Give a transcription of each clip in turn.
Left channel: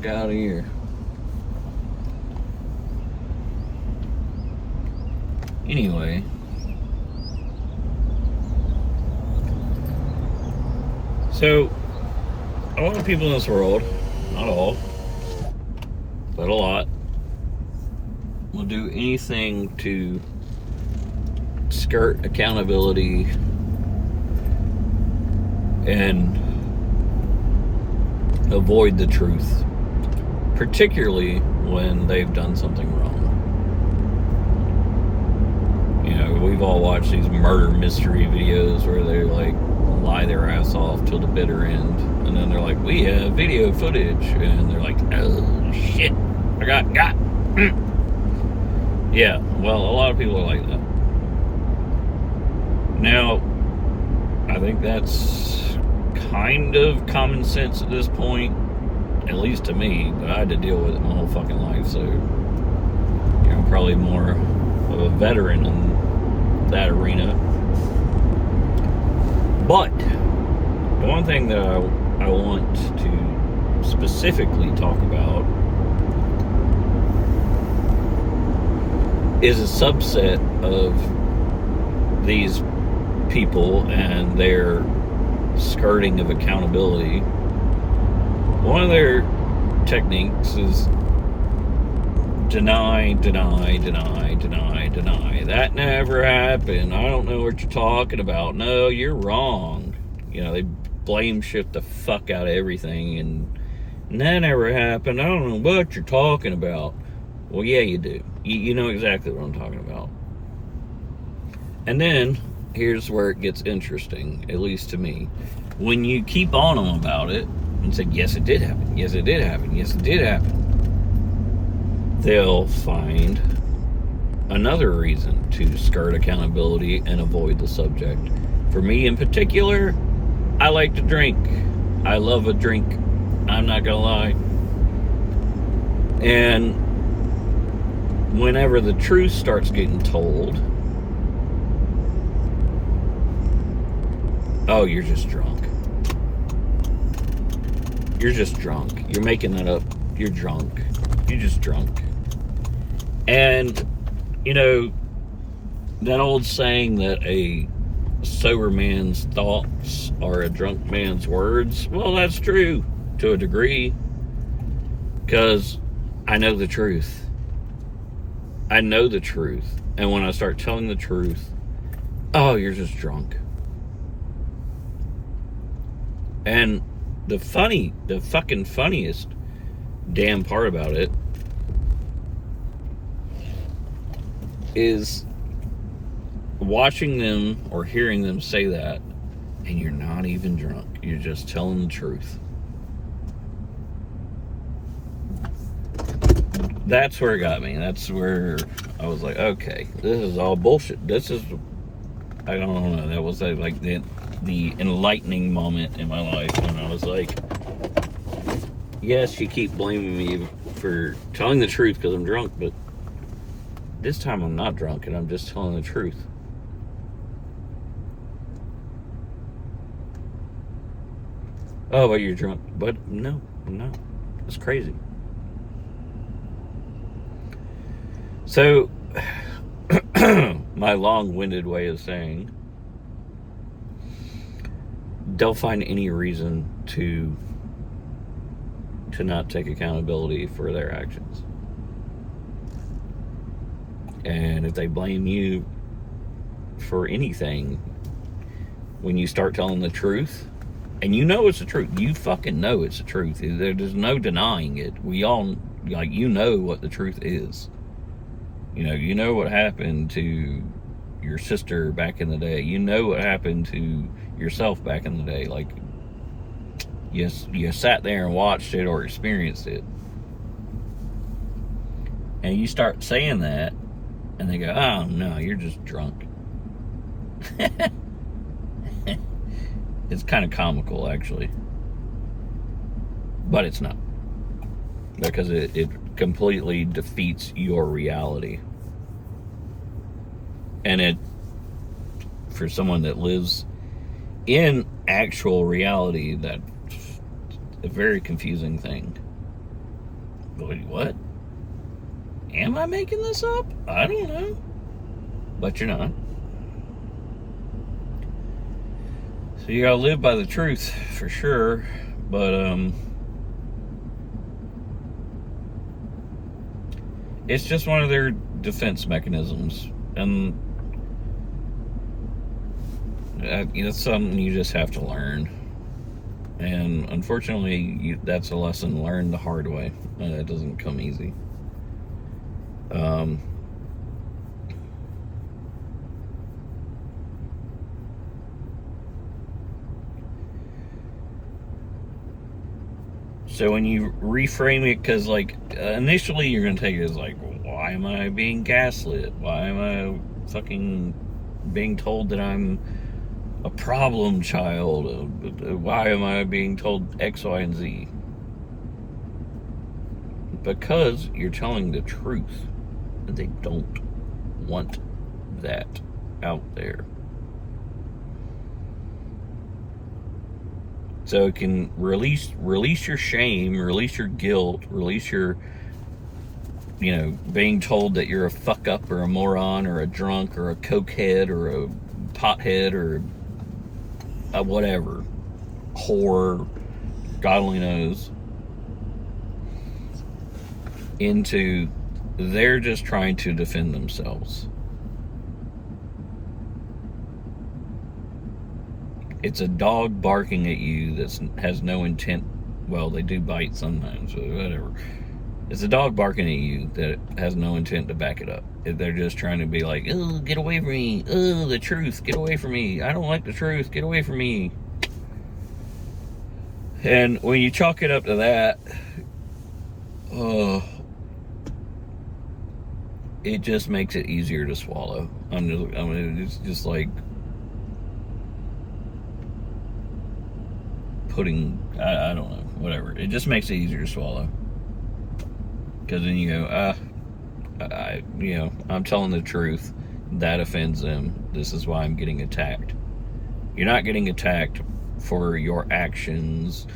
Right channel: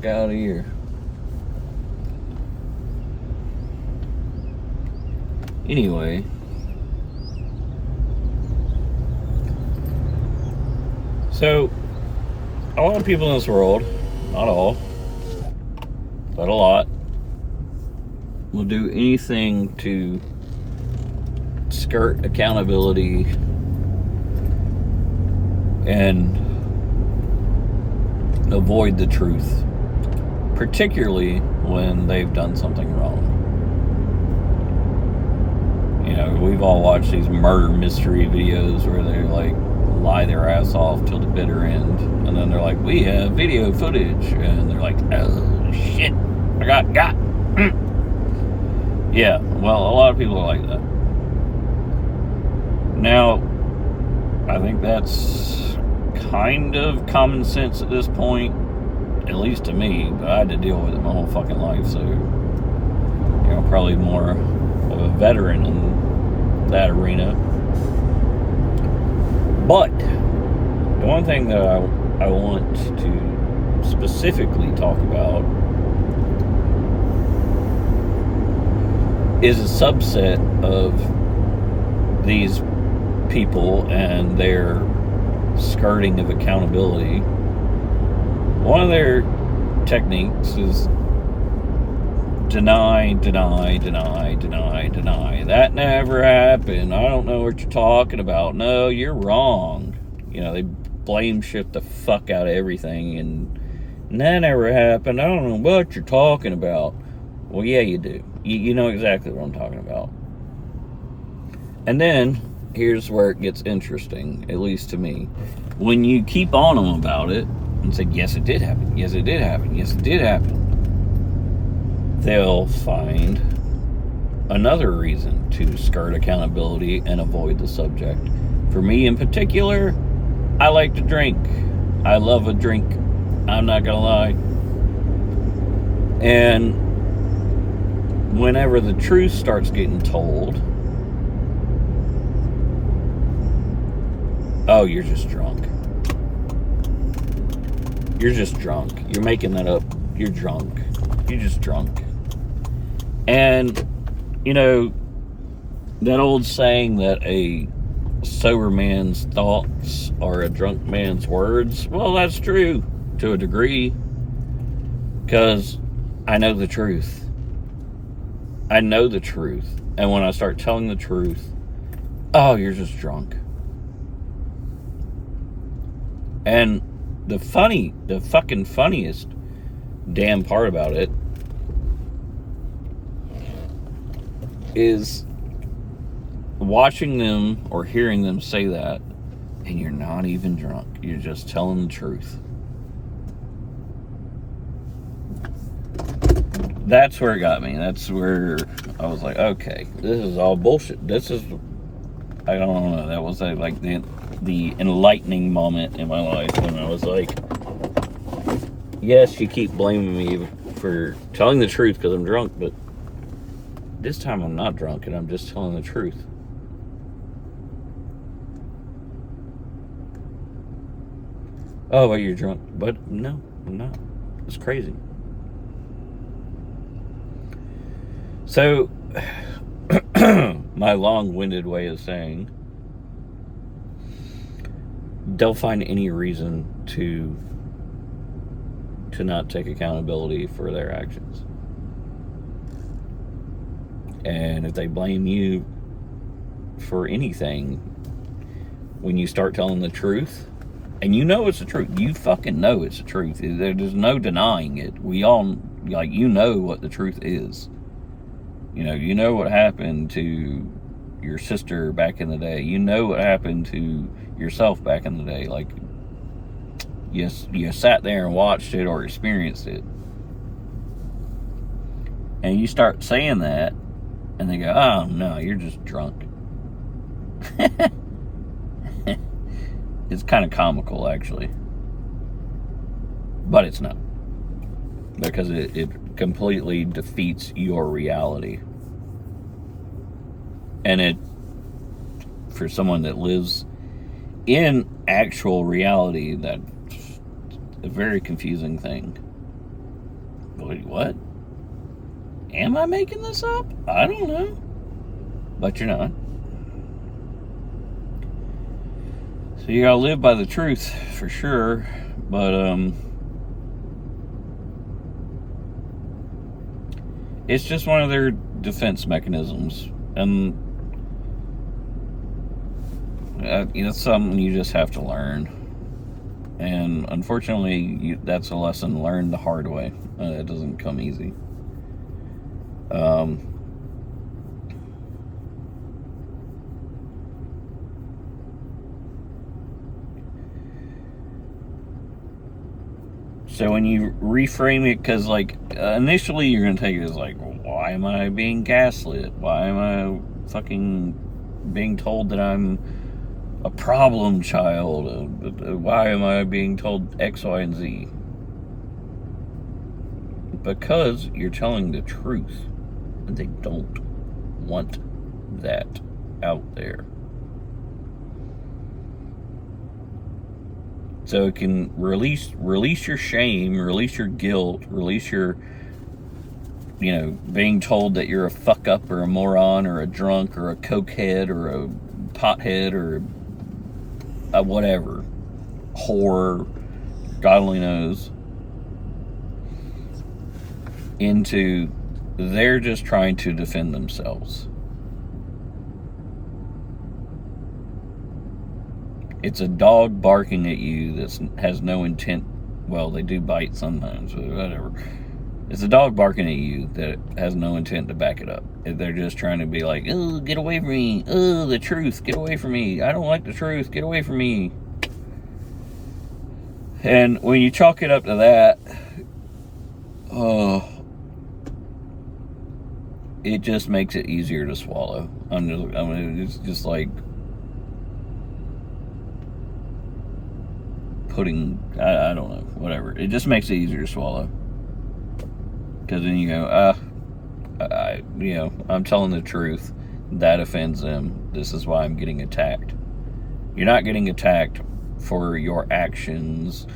fuck out of here. Anyway. So, a lot of people in this world, not all, but a lot, will do anything to skirt accountability and avoid the truth, particularly when they've done something wrong. You know, we've all watched these murder mystery videos where they like lie their ass off till the bitter end, and then they're like, we have video footage, and they're like, oh shit, I got yeah, well, a lot of people are like that. Now, I think that's kind of common sense at this point, at least to me, but I had to deal with it my whole fucking life, so, you know, probably more of a veteran in that arena. But the one thing that I want to specifically talk about is a subset of these people and their skirting of accountability. One of their techniques is deny. That never happened. I don't know what you're talking about. No, you're wrong. You know, they blame shift the fuck out of everything, and that never happened. I don't know what you're talking about. Well, yeah, you do. You know exactly what I'm talking about. And then, here's where it gets interesting, at least to me. When you keep on them about it, and say, yes, it did happen. Yes, it did happen. Yes, it did happen. They'll find another reason to skirt accountability and avoid the subject. For me in particular, I like to drink. I love a drink. I'm not gonna lie. And whenever the truth starts getting told, oh, you're just drunk. You're just drunk. You're making that up. You're drunk. You're just drunk. And, you know, that old saying that a sober man's thoughts are a drunk man's words, well, that's true to a degree, because I know the truth. I know the truth. And when I start telling the truth, oh, you're just drunk. And the fucking funniest damn part about it is watching them or hearing them say that, and you're not even drunk. You're just telling the truth. That's where it got me. That's where I was like, okay, this is all bullshit. This is, I don't know, that was like the enlightening moment in my life when I was like, yes, you keep blaming me for telling the truth because I'm drunk, but this time I'm not drunk and I'm just telling the truth. Oh, but you're drunk. But no, I'm not. It's crazy. So, my long-winded way of saying, they'll find any reason to not take accountability for their actions. And if they blame you for anything, when you start telling the truth, and you know it's the truth, you fucking know it's the truth. There's no denying it. We all, like, you know what the truth is. You know what happened to your sister back in the day. You know what happened to yourself back in the day. Like, yes, you sat there and watched it or experienced it. And you start saying that, and they go, oh, no, you're just drunk. It's kind of comical, actually. But it's not. Because it completely defeats your reality. And it, for someone that lives in actual reality, that's a very confusing thing. Wait, what? Am I making this up? I don't know. But you're not. So you gotta live by the truth, for sure. But, it's just one of their defense mechanisms. And it's something you just have to learn. And unfortunately, that's a lesson learned the hard way. It doesn't come easy. So when you reframe it, because like initially you're going to take it as like, why am I being gaslit? Why am I fucking being told that I'm a problem child? Why am I being told X, Y, and Z? Because you're telling the truth, and they don't want that out there. So it can release your shame, release your guilt, release your, being told that you're a fuck up or a moron or a drunk or a cokehead or a pothead or a whatever, whore, God only knows, into they're just trying to defend themselves. It's a dog barking at you that has no intent. Well, they do bite sometimes, but whatever. It's a dog barking at you that has no intent to back it up. They're just trying to be like, oh, get away from me. Oh, the truth, get away from me. I don't like the truth, get away from me. And when you chalk it up to that, it just makes it easier to swallow. It's just like putting, I don't know, whatever. It just makes it easier to swallow. Because then you go, I'm telling the truth. That offends them. This is why I'm getting attacked. You're not getting attacked for your actions,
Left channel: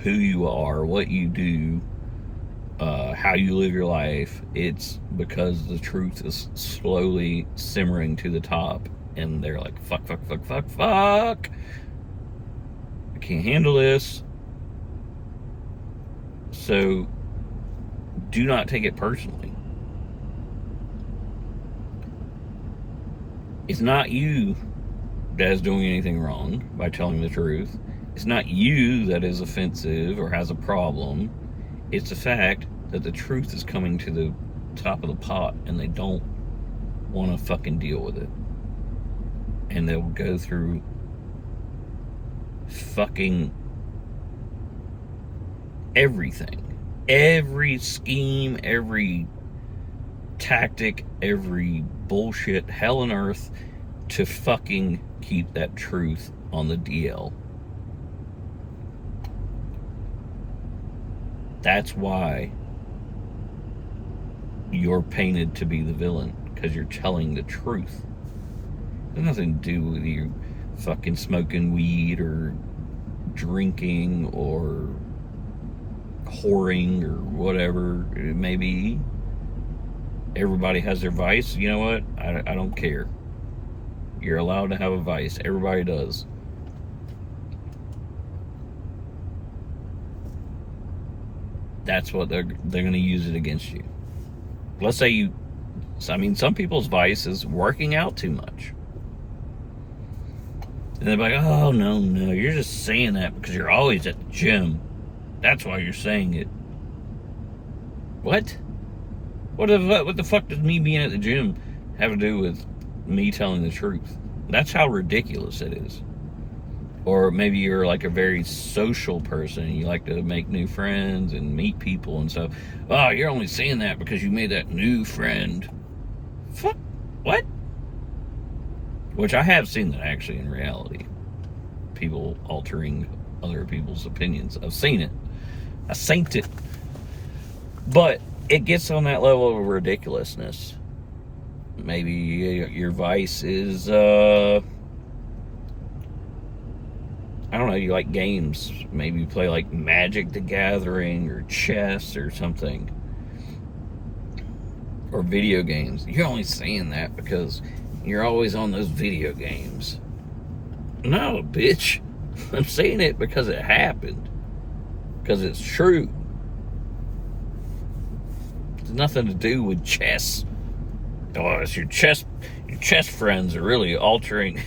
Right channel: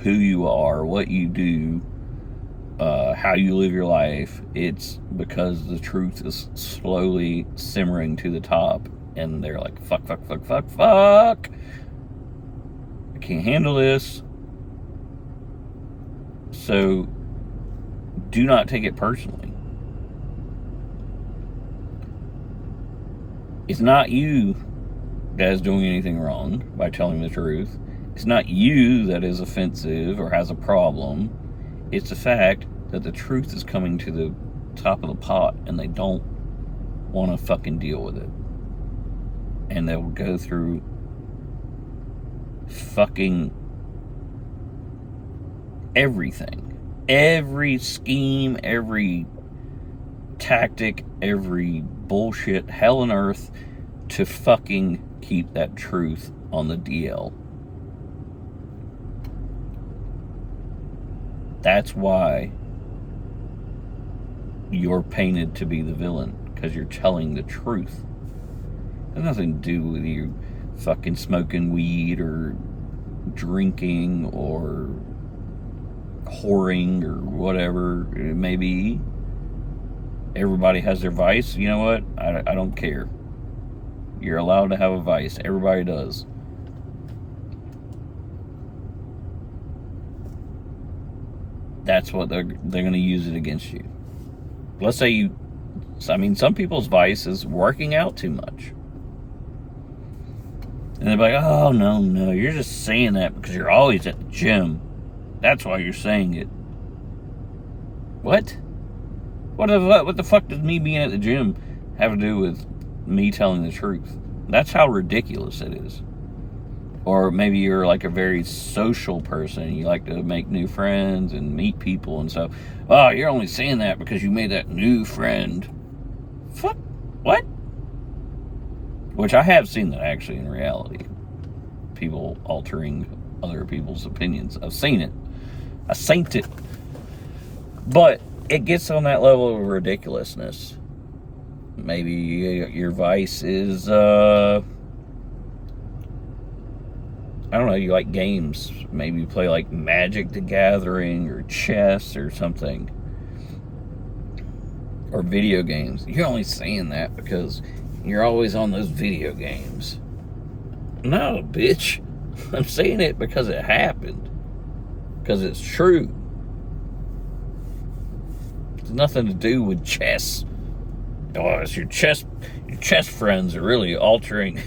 who you are, what you do, how you live your life. It's because the truth is slowly simmering to the top. And they're like, fuck. I can't handle this. So do not take it personally. It's not you that is doing anything wrong by telling the truth. It's not you that is offensive or has a problem. It's the fact that the truth is coming to the top of the pot and they don't want to fucking deal with it. And they'll go through fucking everything. Every scheme, every tactic, every bullshit, hell on earth to fucking keep that truth on the DL. That's why you're painted to be the villain, because you're telling the truth. It has nothing to do with you fucking smoking weed or drinking or whoring or whatever it may be. Everybody has their vice. You know what? I don't care. You're allowed to have a vice. Everybody does. That's what they're going to use it against you. Let's say some people's vice is working out too much. And they're like, oh, no, you're just saying that because you're always at the gym. That's why you're saying it. What? What the fuck does me being at the gym have to do with me telling the truth? That's how ridiculous it is. Or maybe you're like a very social person and you like to make new friends and meet people and stuff. Oh, you're only saying that because you made that new friend. Fuck. What? Which I have seen that actually in reality. People altering other people's opinions. I've seen it. I seen it. But it gets on that level of ridiculousness. Maybe your vice is, I don't know, you like games. Maybe you play like Magic the Gathering or chess or something. Or video games. You're only saying that because you're always on those video games. No, bitch. I'm saying it because it happened. Because it's true. It's nothing to do with chess. Oh, it's your chess friends are really altering.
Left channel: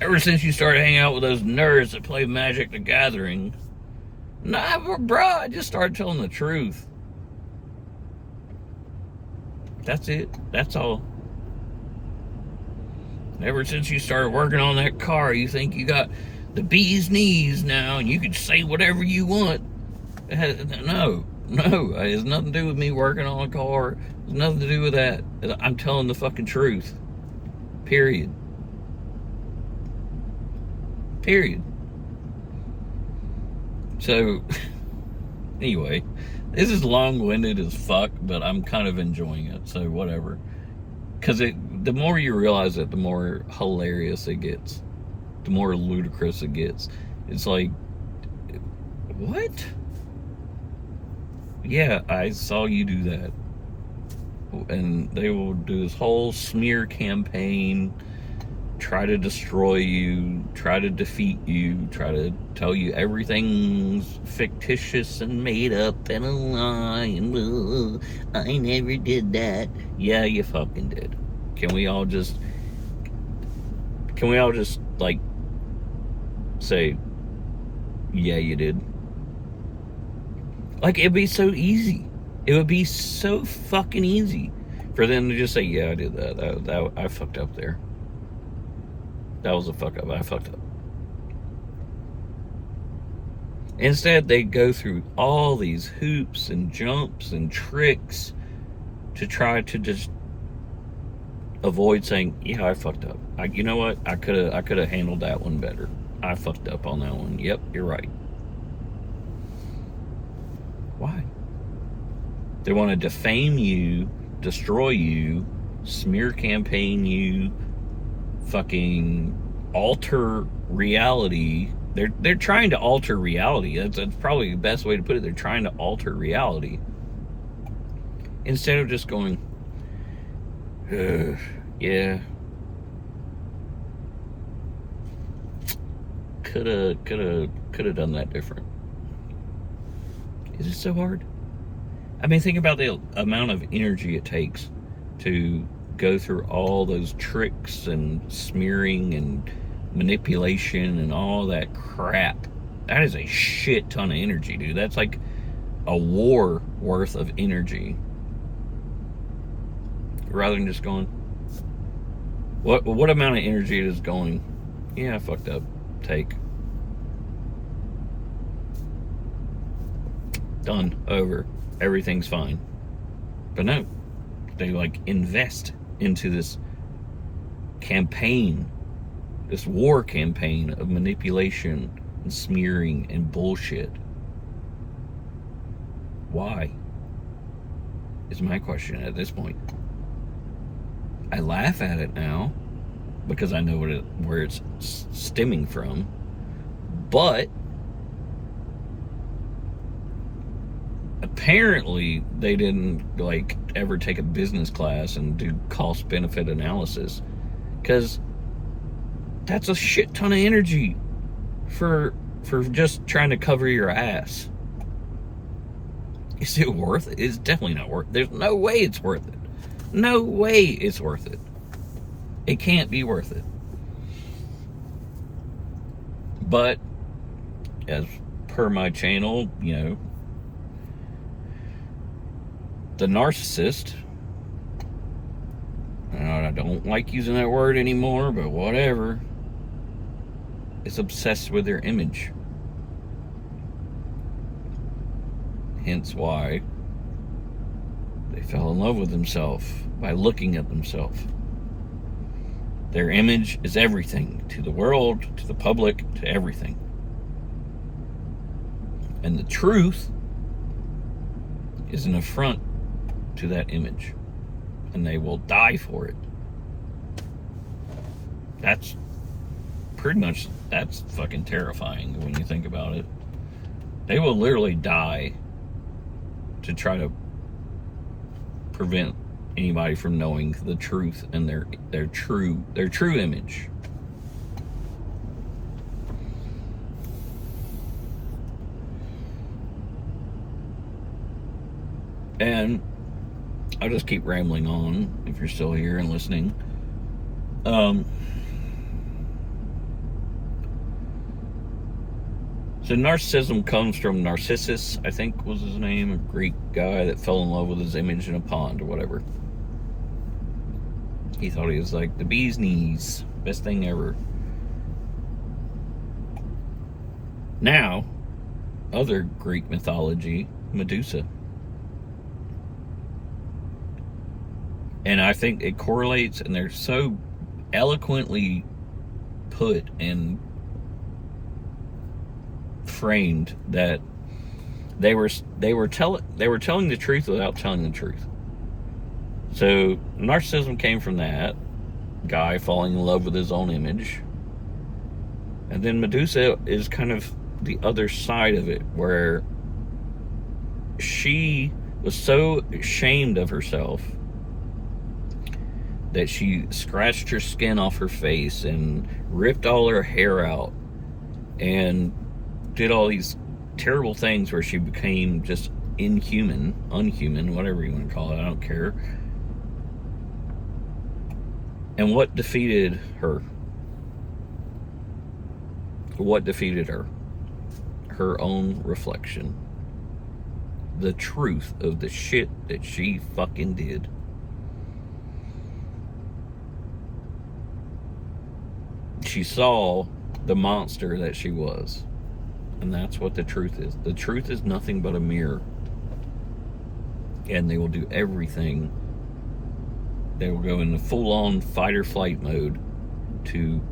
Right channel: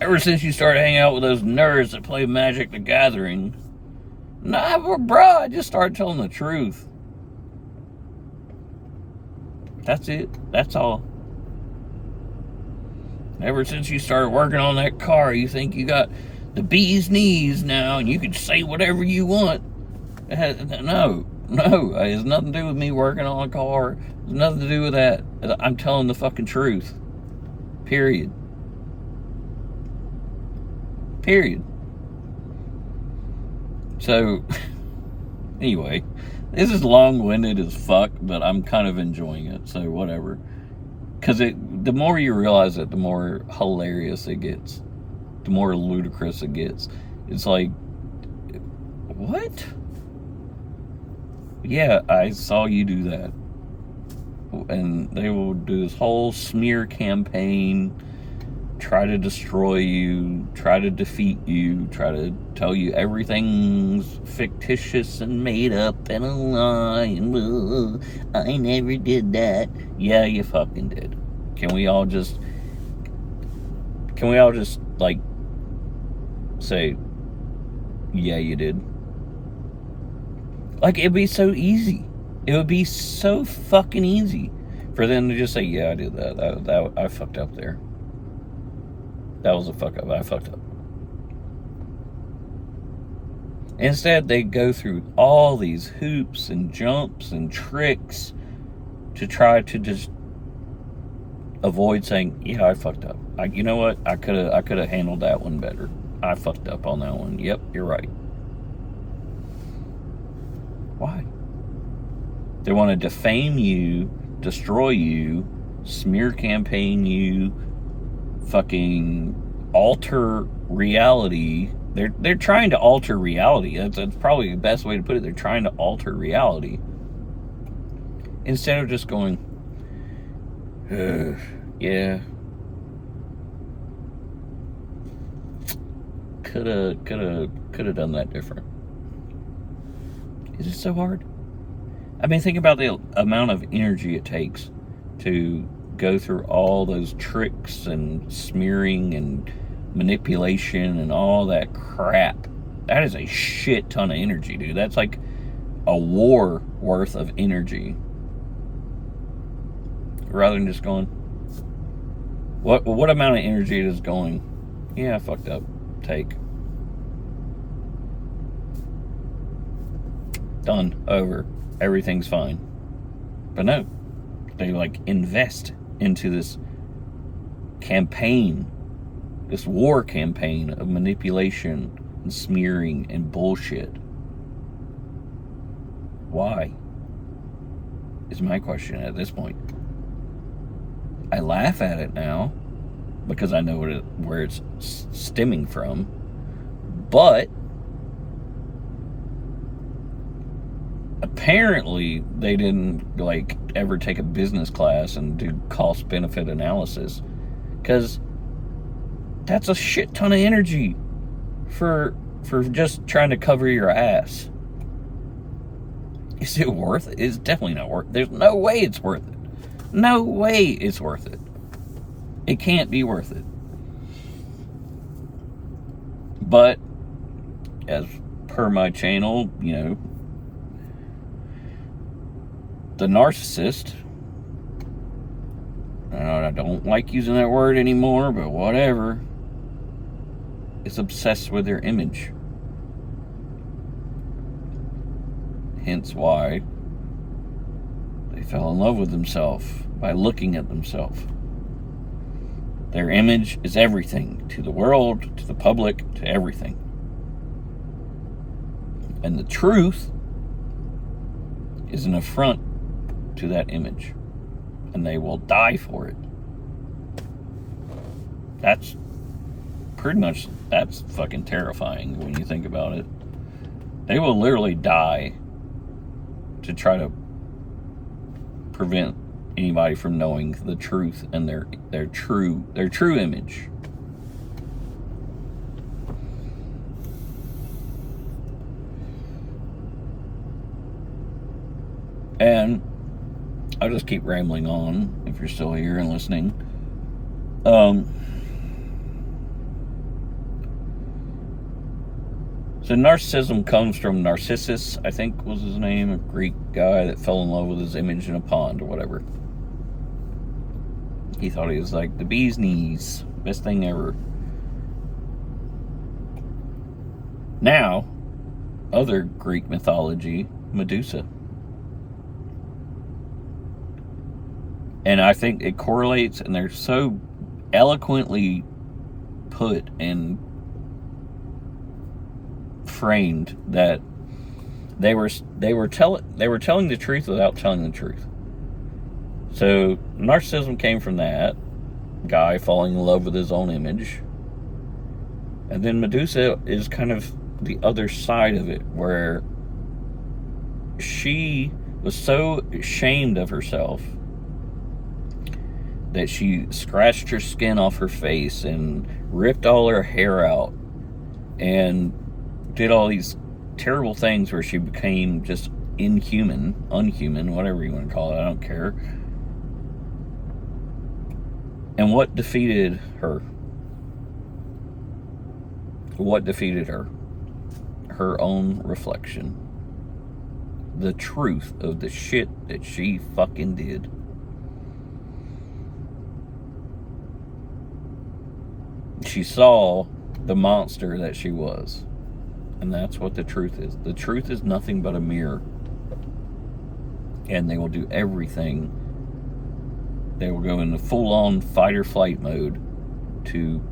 Ever since you started hanging out with those nerds that play Magic the Gathering, nah, bro, I just started telling the truth. That's it. That's all. Ever since you started working on that car, you think you got the bee's knees now and you can say whatever you want. No. It has nothing to do with me working on a car. It has nothing to do with that. I'm telling the fucking truth. Period. So, anyway, this is long-winded as fuck, but I'm kind of enjoying it, so whatever. Because the more you realize it, the more hilarious it gets. The more ludicrous it gets. It's like, what? Yeah, I saw you do that. And they will do this whole smear campaign, try to destroy you, try to defeat you, try to tell you everything's fictitious and made up and a lie, and I never did that. Yeah, you fucking did. Can we all just like say, yeah, you did? Like, it'd be so easy. It would be so fucking easy for them to just say, yeah, I did that. I fucked up there. That was a fuck up. I fucked up. Instead, they go through all these hoops and jumps and tricks to try to just avoid saying, yeah, I fucked up. You know what? I could have handled that one better. I fucked up on that one. Yep, you're right. Why? They want to defame you, destroy you, smear campaign you, fucking alter reality. They're trying to alter reality. That's probably the best way to put it. They're trying to alter reality. Instead of just going, yeah, could have done that different. Is it so hard? I mean, think about the amount of energy it takes to go through all those tricks and smearing and manipulation and all that crap. That is a shit ton of energy, dude. That's like a war worth of energy. Rather than just going, what amount of energy is going, yeah, I fucked up, take. Done, over, everything's fine. But no, they like invest into this campaign, this war campaign of manipulation and smearing and bullshit. Why? Is my question at this point. I laugh at it now because I know where it's stemming from, but apparently they didn't like ever take a business class and do cost benefit analysis, because that's a shit ton of energy for just trying to cover your ass. Is it worth it? It's definitely not worth it. There's no way it's worth it. No way it's worth it. It can't be worth it. But as per my channel, you know, the narcissist, I don't like using that word anymore, but whatever, is obsessed with their image. Hence why they fell in love with themselves by looking at themselves. Their image is everything to the world, to the public, to everything. And the truth is an affront to that image. And they will die for it. That's pretty much, that's fucking terrifying when you think about it. They will literally die to try to prevent anybody from knowing the truth and their true image. And I'll just keep rambling on if you're still here and listening. So narcissism comes from Narcissus, I think was his name, a Greek guy that fell in love with his image in a pond or whatever. He thought he was like the bee's knees, best thing ever. Now, other Greek mythology, Medusa. And I think it correlates, and they're so eloquently put and framed that they were telling the truth without telling the truth. So narcissism came from that guy falling in love with his own image, and then Medusa is kind of the other side of it, where she was so ashamed of herself that she scratched her skin off her face and ripped all her hair out and did all these terrible things where she became just unhuman, whatever you want to call it, I don't care. And what defeated her? What defeated her? Her own reflection. The truth of the shit that she fucking did. She saw the monster that she was. And that's what the truth is. The truth is nothing but a mirror. And they will do everything. They will go into full-on fight or flight mode to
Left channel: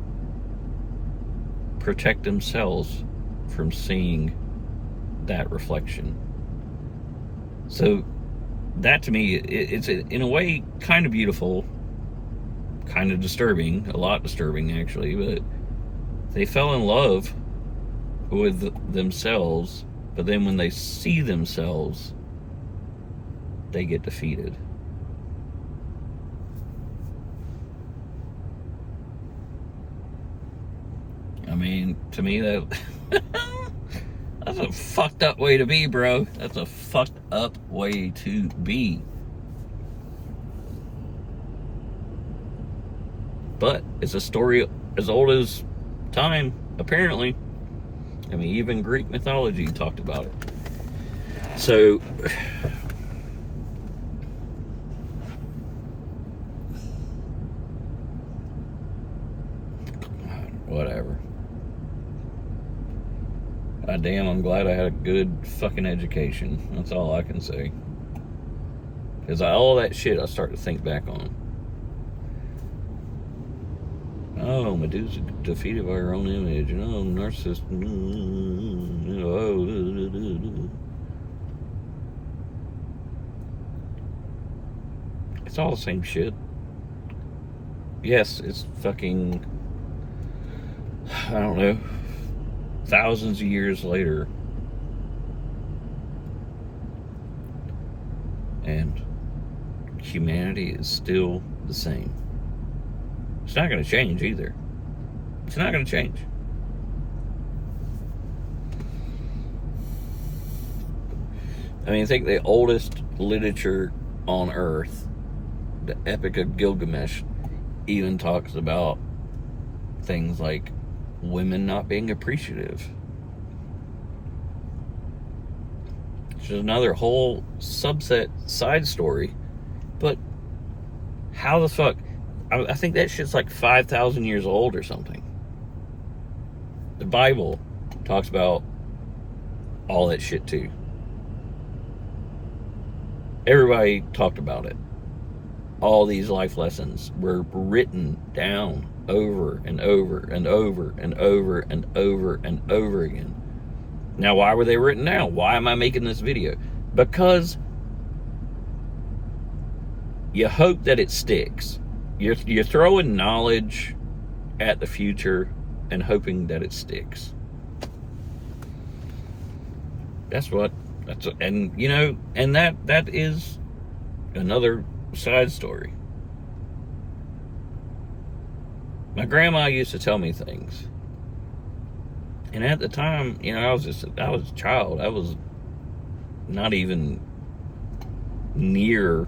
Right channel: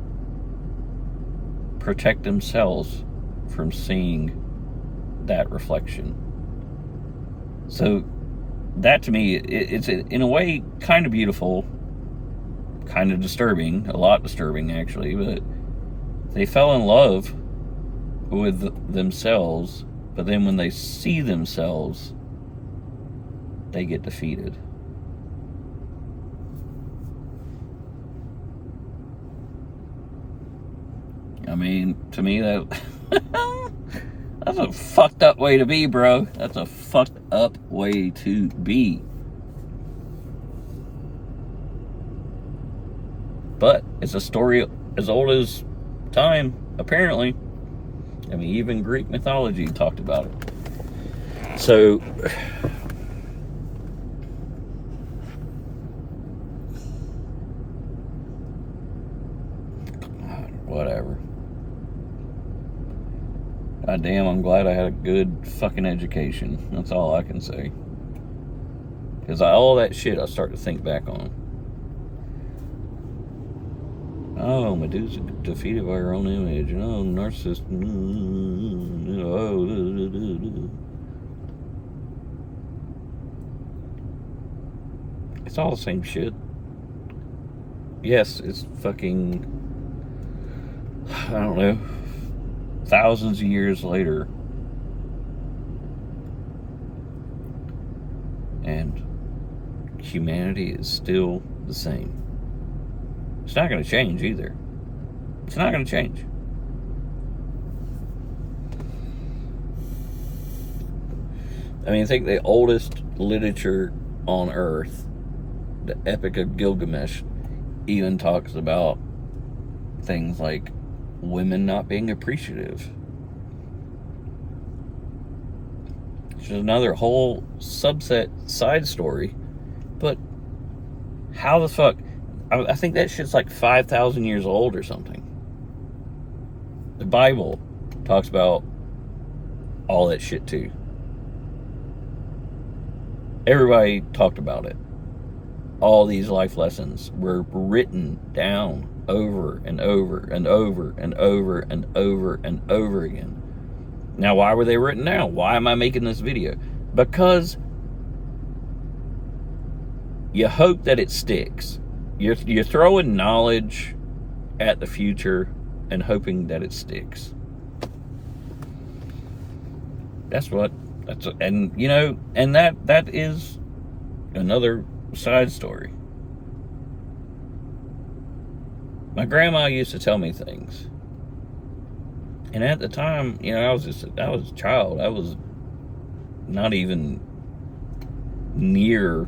protect themselves from seeing that reflection. So that to me, it's in a way kind of beautiful, kind of disturbing, a lot disturbing actually, but they fell in love with themselves, but then when they see themselves, they get defeated. I mean, to me, that that's a fucked up way to be, bro. That's a fucked up way to be. But it's a story as old as time, apparently. I mean, even Greek mythology talked about it. So, whatever. God damn, I'm glad I had a good fucking education. That's all I can say. Because all that shit I start to think back on. Oh, Medusa defeated by her own image. And oh, Narcissus. It's all the same shit. Yes, it's fucking, I don't know, thousands of years later. And humanity is still the same. It's not going to change either. It's not going to change. I mean, I think the oldest literature on Earth, the Epic of Gilgamesh, even talks about things like women not being appreciative. Which is another whole subset side story. But how the fuck? I think that shit's like 5,000 years old or something. The Bible talks about all that shit too. Everybody talked about it. All these life lessons were written down over and over and over and over and over and over again. Now, why were they written down? Why am I making this video? Because you hope that it sticks. You're throwing knowledge at the future and hoping that it sticks. And you know, and that is another side story. My grandma used to tell me things, and at the time, you know, I was a child. I was not even near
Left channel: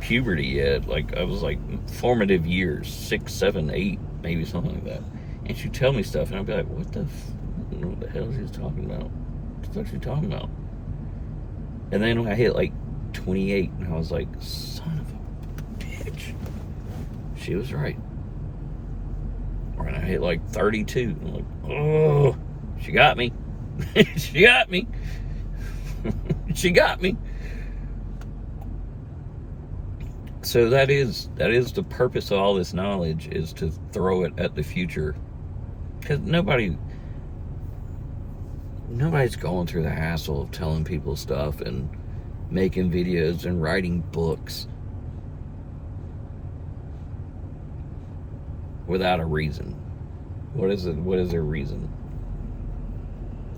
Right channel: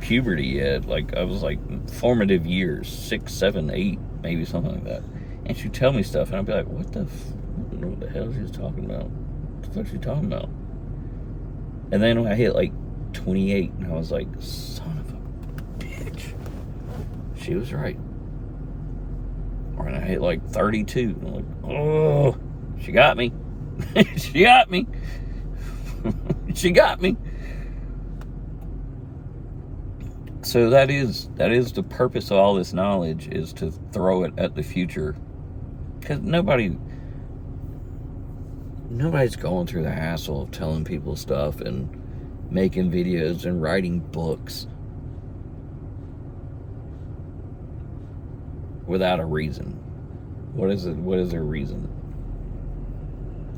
puberty yet. Like, I was like formative years, 6, 7, 8, maybe something like that. And she'd tell me stuff, and I'd be like, what the hell is she talking about? What the fuck is she talking about? And then when I hit like 28, and I was like, son of a bitch, she was right. Or when I hit like 32, I'm like, oh, she got me. She got me. She got me. So that is the purpose of all this knowledge, is to throw it at the future. Because nobody's going through the hassle of telling people stuff and making videos and writing books without a reason. What is their reason?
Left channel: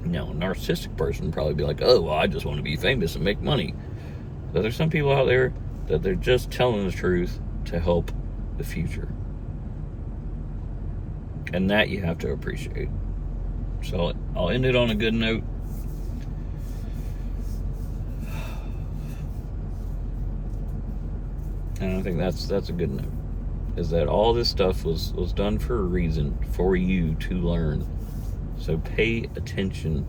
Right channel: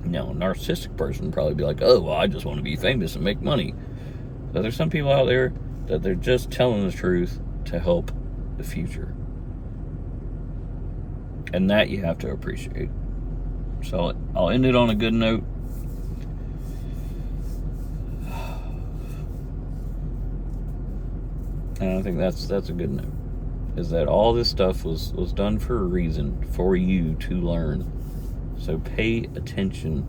Now, a narcissistic person would probably be like, oh, well, I just want to be famous and make money. But there's some people out there that they're just telling the truth to help the future. And that you have to appreciate. So I'll end it on a good note. And I think that's a good note. Is that all this stuff was done for a reason, for you to learn. So pay attention